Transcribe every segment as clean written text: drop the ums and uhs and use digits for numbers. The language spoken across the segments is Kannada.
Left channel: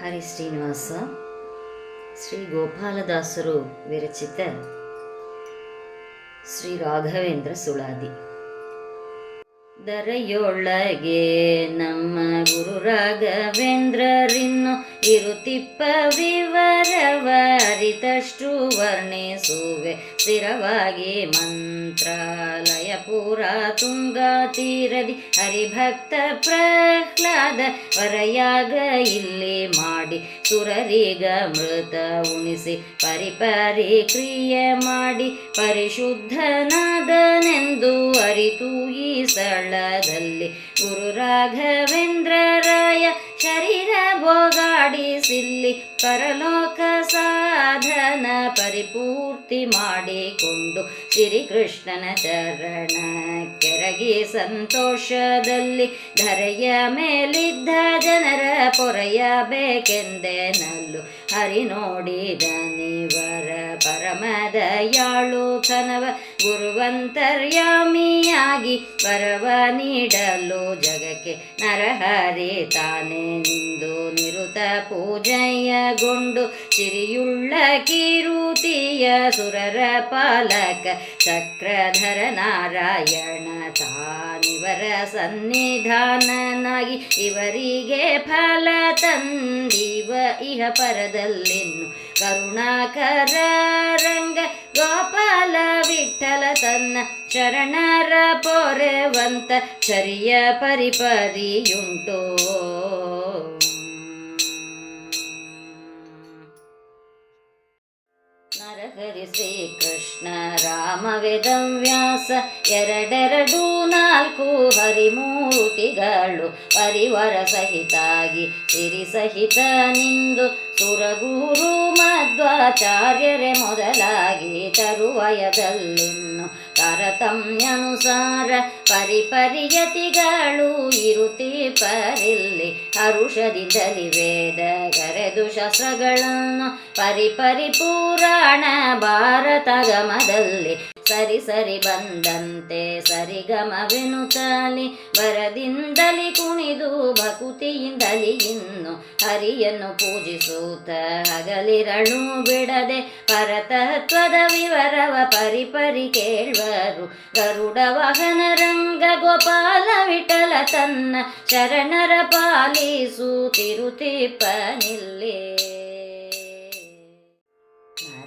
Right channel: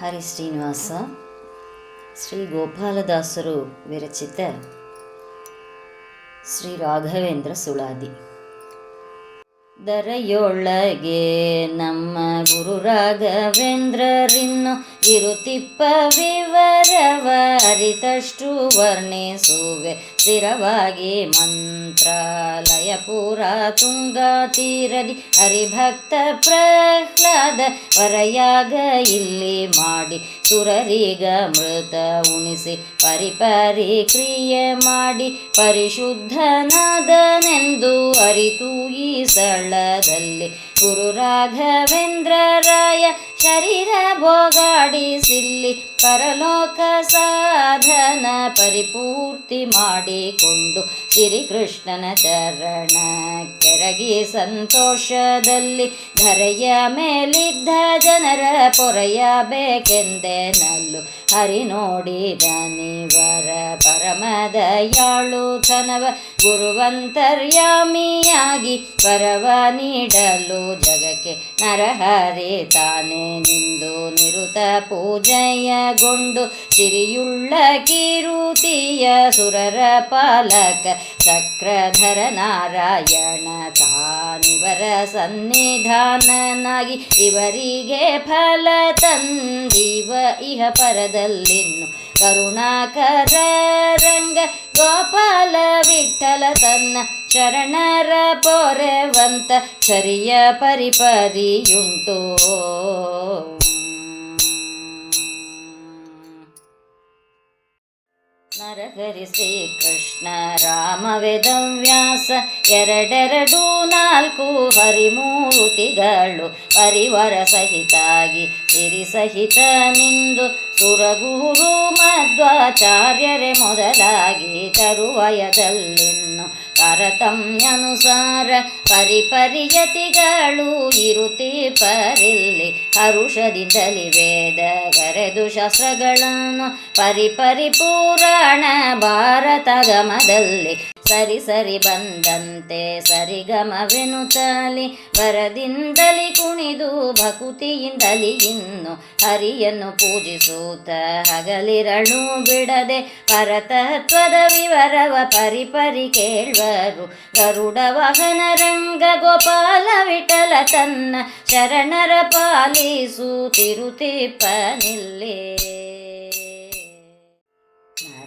ಹರಿ ಶ್ರೀನಿವಾಸ ಶ್ರೀ ಗೋಪಾಲದಾಸರು ವಿರಚಿತ ಶ್ರೀ ರಾಘವೇಂದ್ರ ಸುಳಾದಿ. ದರೆಯೊಳಗೆ ನಮ್ಮ ಗುರು ರಾಘವೇಂದ್ರರಿನ್ನು ಇರುತಿಪ್ಪ ವಿವರವ ಅರಿತಷ್ಟು ವರ್ಣಿಸುವೆ ಸ್ಥಿರವಾಗಿ. ಮಂತ್ರಾಲಯಪುರ ತುಂಗಾ ತೀರದಿ ಹರಿಭಕ್ತ ಪ್ರಹ್ಲಾದ ವರಯಾಗ ಇಲ್ಲಿ ಮಾಡಿ ಸುರರಿಗ ಮೃತ ಉಣಿಸಿ ಪರಿಪರಿ ಕ್ರಿಯೆ ಮಾಡಿ ಪರಿಶುದ್ಧನಾದನೆಂದು ಅರಿತು ಈ ಸ್ಥಳದಲ್ಲಿ ಗುರು ರಾಘವೇಂದ್ರರಾಯ ಶರೀರ ಭೋಗಾಡಿಸಿಲ್ಲಿ ಪರಲೋಕ ಸಾಧನ ಪರಿಪೂರ್ತಿ ಮಾಡಿಕೊಂಡು ಶ್ರೀಕೃಷ್ಣನ ಚರಣ ಕೆರಗಿ ಸಂತೋಷದಲ್ಲಿ ಧರೆಯ ಮೇಲಿದ್ದ ಜನರ ಪೊರೆಯಬೇಕೆಂದೆನಲ್ಲು ಹರಿ ನೋಡಿದನಿವರ ಪರಮದಯಾಳುತನವ ಗುರುವಂತರ್ಯಾಮಿಯಾಗಿ ವರವ ನೀಡಲು ಜಗಕ್ಕೆ ನರಹರಿ ತಾನೇ ನಿಂದು ನಿರುತ ಪೂಜೆಯಗೊಂಡು ಸಿರಿಯುಳ್ಳ ಕೀರುತಿಯ ಸುರರ ಪಾಲಕ ಚಕ್ರಧರ ನಾರಾಯಣ ತಾನಿವರ ಸನ್ನಿಧಾನನಾಗಿ ಇವರಿಗೆ ಫಲ ತಂದಿವ ಇಹ ಪರದಲ್ಲಿನ್ನು ಕರುಣಾಕರ ರಂಗ ಗೋಪಾಲ ವಿಠಲ ತನ್ನ ಶರಣರ ಪೊರೆವಂತ ಚರಿಯ ಪರಿಪರಿಯುಂಟು. ನರಹರಿ ಶ್ರೀಕೃಷ್ಣ ರಾಮ ವೇದವ್ಯಾಸ ಎರಡೆರಡು ನಾಲ್ಕು ಹರಿಮೂರ್ತಿಗಳು ಪರಿವಾರ ಸಹಿತಾಗಿ ಸಿರಿ ಸಹಿತ ನಿಂದು ಸುರಗುರು ಮಧ್ವಾಚಾರ್ಯರೇ ಮೊದಲಾಗಿ ತರುವಯದಲ್ಲಿನ್ನು ತಾರತಮ್ಯನುಸಾರ ಪರಿಪರಿಯತಿಗಳು ಇರುತ್ತೀಪರಿಲ್ಲಿ ಹರುಷದಿಂದಲಿ ವೇದ ಕರೆದು ಶಾಸ್ತ್ರಗಳನ್ನು ಪರಿಪರಿ ಪುರಾಣ ಭಾರತಗಮದಲ್ಲಿ ಸರಿ ಸರಿ ಬಂದಂತೆ ಸರಿಗಮವೆನುತ್ತಲಿ ವರದಿಂದಲಿ ಕುಣಿದು ಭಕುತಿಯಿಂದಲಿ ಇನ್ನು ಹರಿಯನ್ನು ಪೂಜಿಸುತ್ತ ಹಗಲಿರಳು ಬಿಡದೆ ಪರತತ್ವದ ವಿವರವ ಪರಿಪರಿ ಕೇಳುವರು. ಗರುಡ ವಾಹನ ರಂಗ ಗೋಪಾಲ ವಿಠಲ ತನ್ನ ಶರಣರ ಪಾಲಿಸುತ್ತಿರುತ್ತಿಪ್ಪನಿಲ್ಲೇ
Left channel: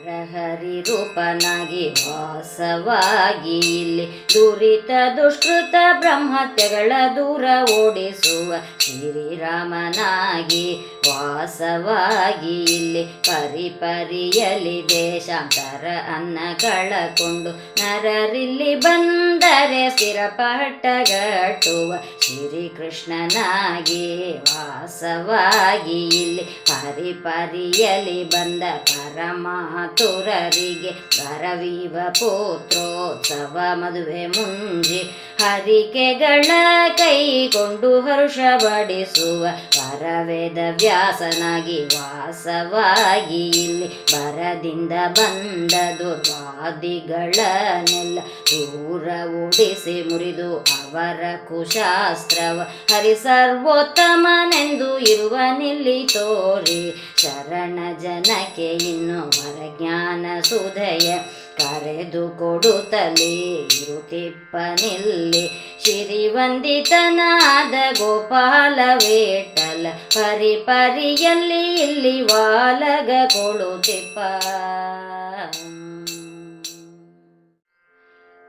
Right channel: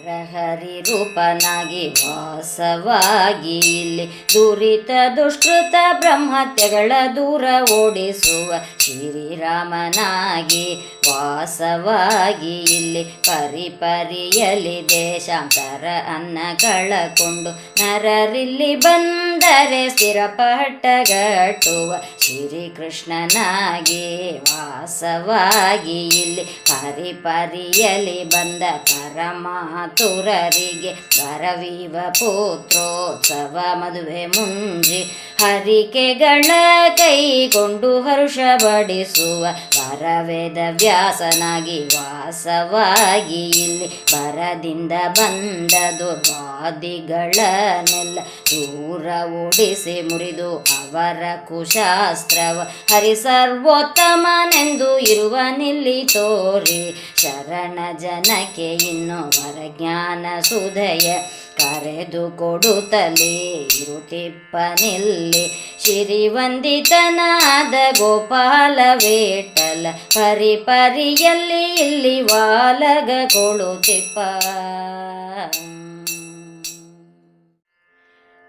ನರಹರಿ ರೂಪನಾಗಿ ವಾಸವಾಗಿ ಇಲ್ಲಿ ದುರಿತ ದುಷ್ಕೃತ ಬ್ರಹ್ಮತ್ಯಗಳ ದೂರ ಓಡಿಸುವ ಶ್ರೀರಾಮನಾಗಿ ವಾಸವಾಗಿ ಇಲ್ಲಿ ಪರಿಪರಿಯಲಿ ದೇಶಾಂತರ ಅನ್ನ ಕಳಕೊಂಡು ನರರಿಲ್ಲಿ ಬಂದರೆ ಸ್ಥಿರಪಟ್ಟಗಟ್ಟುವ ಶ್ರೀಕೃಷ್ಣನಾಗಿ ವಾಸವಾಗಿ ಇಲ್ಲಿ ಪರಿಪರಿಯಲಿ ಬಂದ ಪರಮಾತುರರಿಗೆ ವರವಿವ ಪುತ್ರೋತ್ಸವ ಮದುವೆ ಮುಂಜಿ ಹರಿಕೆಗಳ ಕೈಗೊಂಡು ಹರುಷ ಬಡಿಸುವ ಪರವೇದ ವ್ಯಾಸನಾಗಿ ವಾಸವಾಗಿ ಇಲ್ಲಿ ಬರದಿಂದ ಬಂದ ದುರ್ವಾದಿಗಳನ್ನೆಲ್ಲ ದೂರ ಓಡಿಸಿ ಮುರಿದು ಅವರ ಕುಶಾಸ್ತ್ರವ ಹರಿ ಸರ್ವೋತ್ತಮನೆಂದು ಇರುವನಿಲ್ಲಿ ತೋರಿ ಶರಣ ಜನಕ್ಕೆ ಇನ್ನು ವರಜ್ಞಾನ ಸುಧಯ ಕರೆದು ಕೊಡುತ್ತಲೇ ಇರುತ್ತಿಪ್ಪನಿಲ್ಲಿ ಶ್ರೀವಂದಿತನಾದ ಗೋಪಾಲ ವಿಠಲ ಪರಿಪರಿಯಲ್ಲಿ ಇಲ್ಲಿ ವಾಲಗ ಕೊಡುತ್ತಿಪ್ಪ.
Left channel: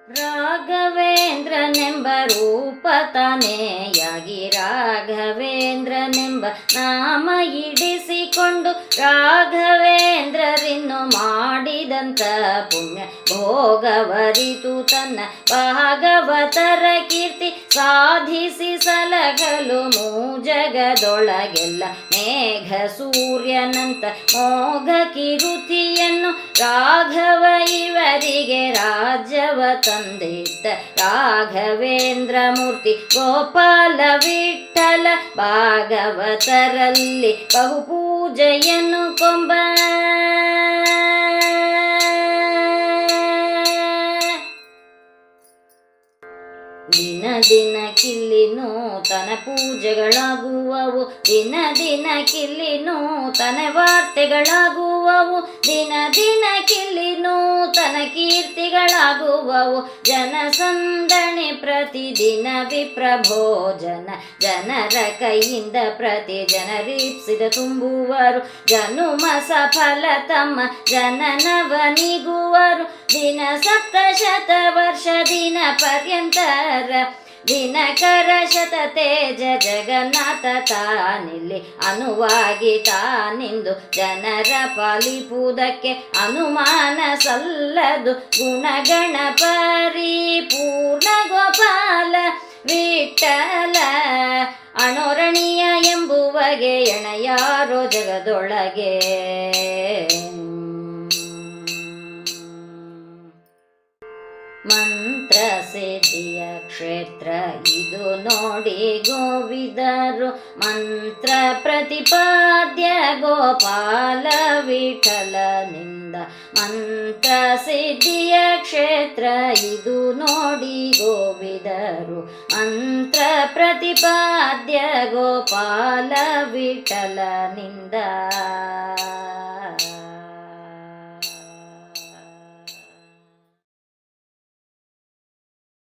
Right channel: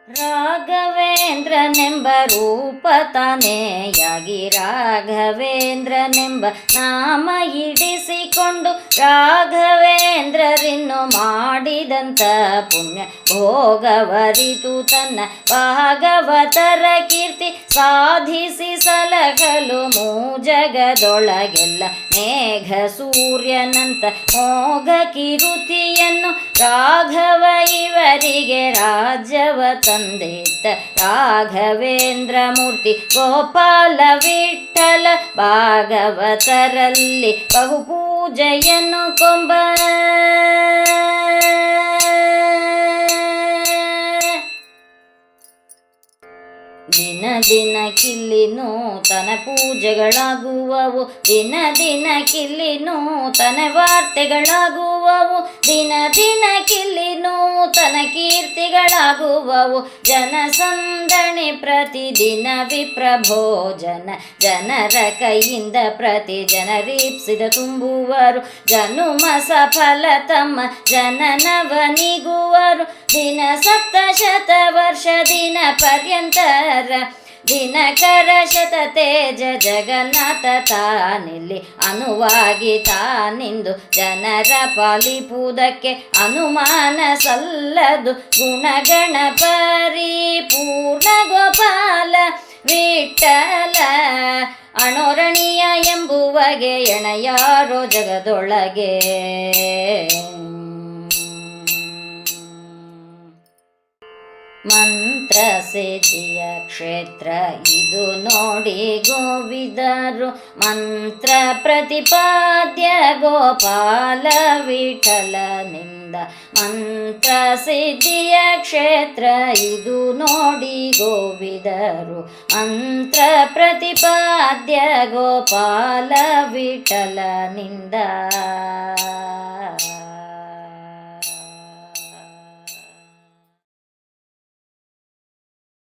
ರಾಘವೇಂದ್ರನೆಂಬ ರೂಪ ತಾನೆಯಾಗಿ ರಾಘವೇಂದ್ರನೆಂಬ ನಾಮ ಇಡಿಸಿಕೊಂಡು ರಾಘವೇಂದ್ರರಿನ್ನು ಮಾಡಿದಂಥ ಪುಣ್ಯ ಭೋಗವರಿತು ತನ್ನ ಭಾಗವತರ ಕೀರ್ತಿ ಸಾಧಿಸಿ ಸಲಗಲು ಮೂಜಗದೊಳಗೆಲ್ಲ ಮೇಘ ಸೂರ್ಯನಂತ ಮೋಘ ಕಿರುತಿಯನ್ನು ರಾಘವ ಇವರಿಗೆ ರಾಜ್ಯವ ತಂದಿದ್ದ ರಾಘವೇಂದ್ರ ಮೂರ್ತಿ ಗೋಪಾಲ ವಿಠಲ ಭಾಗವತರಲ್ಲಿ ಬಹುಪೂಜೆಯನ್ನು ಕೊಂಬ ದಿನ ದಿನಕ್ಕಿಲ್ಲಿ ನೂತನ ಪೂಜೆಗಳಾಗುವವು, ದಿನಕ್ಕಿಲ್ಲಿ ನೂತನ ವಾರ್ತೆಗಳಾಗುವವು, ದಿನಕ್ಕಿಲ್ಲಿ ನೂತನ ಕೀರ್ತಿಗಳಾಗುವವು. ಜನಸಂದಣಿ ಪ್ರತಿದಿನ ವಿಪ್ರಭೋಜನ, ಜನರ ಕೈಯಿಂದ ಪ್ರತಿ ಜನರೀಪ್ಸಿದ ತುಂಬುವರು. ಜನುಮ ಸಫಲ ತಮ್ಮ ಜನನವನಿಗುವರು, ದಿನ ಸಪ್ತಶತ ವರ್ಷ ದಿನ ಪರ್ಯಂತರ. ದಿನಕರ ಶತ ತೇಜ ಜಗನ್ನಾಥ ತಾನಿಲ್ಲಿ ಅನುವಾಗಿ ತಾನಿಂದು ಜನರ ಪಾಲಿಪುವುದಕ್ಕೆ ಅನುಮಾನ ಸಲ್ಲದು. ಗುಣಗಣ ಪರಿಪೂರ್ಣ ಗೋಪಾಲ ವಿಠಲ ಅಣೋರಣೀಯ ಎಂಬುವಗೆ ಎಣೆಯಾರೋ ಜಗದೊಳಗೆ. ಮಂತ್ರ ಸಿದ್ಧಿಯ ಕ್ಷೇತ್ರ ಇದು ನೋಡಿ ಗೋವಿದರು, ಮಂತ್ರ ಪ್ರತಿಪಾದ್ಯ ಗೋಪಾಲ ವಿಠಲನಿಂದ. ಮಂತ್ರ ಸಿದ್ಧಿಯ ಕ್ಷೇತ್ರ ಇದು ನೋಡಿ ಗೋವಿದರು, ಮಂತ್ರ ಪ್ರತಿಪಾದ್ಯ ಗೋಪಾಲ ವಿಠಲನಿಂದ.